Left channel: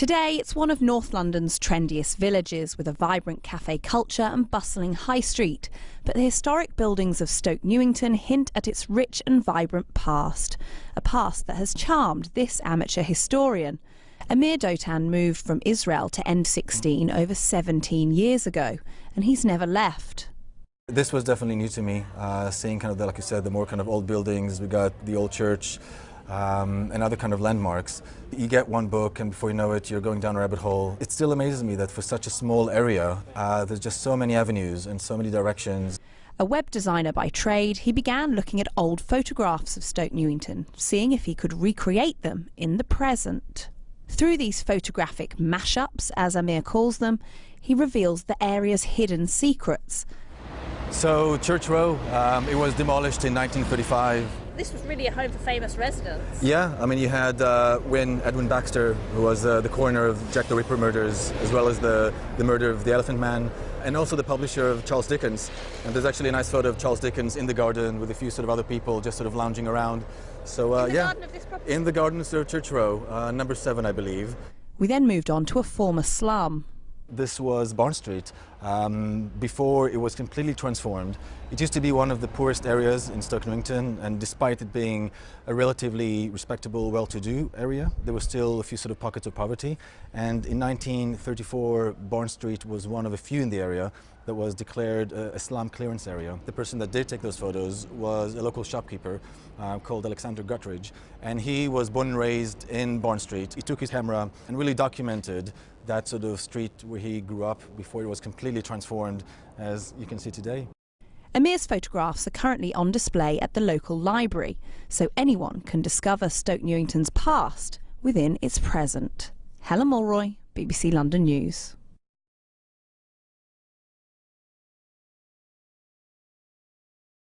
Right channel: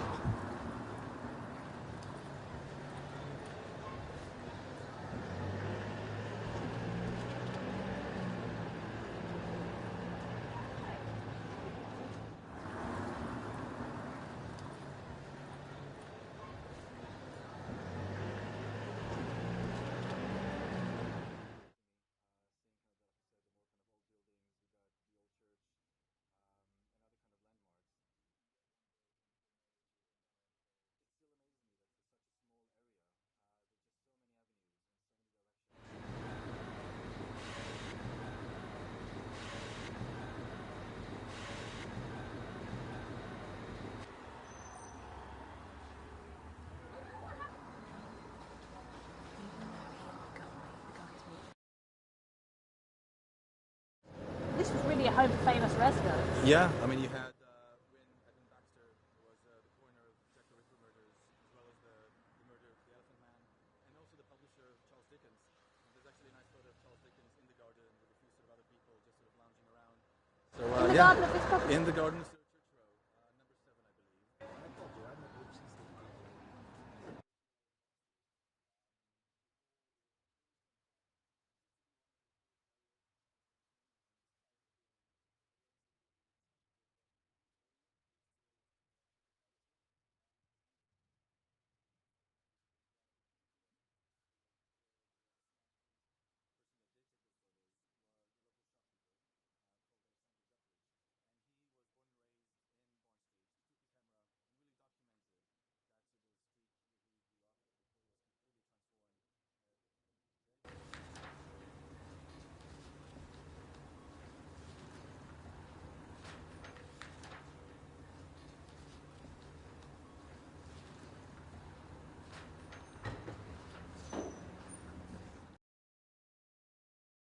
Today, it's one of North London's trendiest villages with a vibrant cafe culture and bustling high street. But the historic buildings of Stoke Newington hint at its rich and vibrant past. A past that has charmed this amateur historian. Amir Dotan moved from Israel to N16 over 17 years ago, and he's never left. This was definitely new to me, seeing kind of, like you said, the more kind of old buildings. We got the old church and other kind of landmarks. You get one book and before you know it, you're going down a rabbit hole. It still amazes me that for such a small area, there's just so many avenues and so many directions. A web designer by trade, he began looking at old photographs of Stoke Newington, seeing if he could recreate them in the present. Through these photographic mashups, as Amir calls them, he reveals the area's hidden secrets. So Church Row, it was demolished in 1935. This was really a home for famous residents. Yeah, I mean you had Edwin Baxter, who was the coroner of Jack the Ripper murders, as well as the murder of the Elephant Man, and also the publisher of Charles Dickens. And there's actually a nice photo of Charles Dickens in the garden with a few sort of other people just sort of lounging around. So in the garden of this property? In the garden of Church Row, number 7, I believe. We then moved on to a former slum. This was Barn Street. Before it was completely transformed. It used to be one of the poorest areas in Stoke Newington, and despite it being a relatively respectable, well-to-do area, there were still a few sort of pockets of poverty. And in 1934, Barn Street was one of a few in the area that was declared a slum clearance area. The person that did take those photos was a local shopkeeper called Alexander Guttridge, and he was born and raised in Barn Street. He took his camera and really documented that sort of street where he grew up before it was completely transformed, as you can see today. Amir's photographs are currently on display at the local library, so anyone can discover Stoke Newington's past within its present. Helen Mulroy, BBC London News.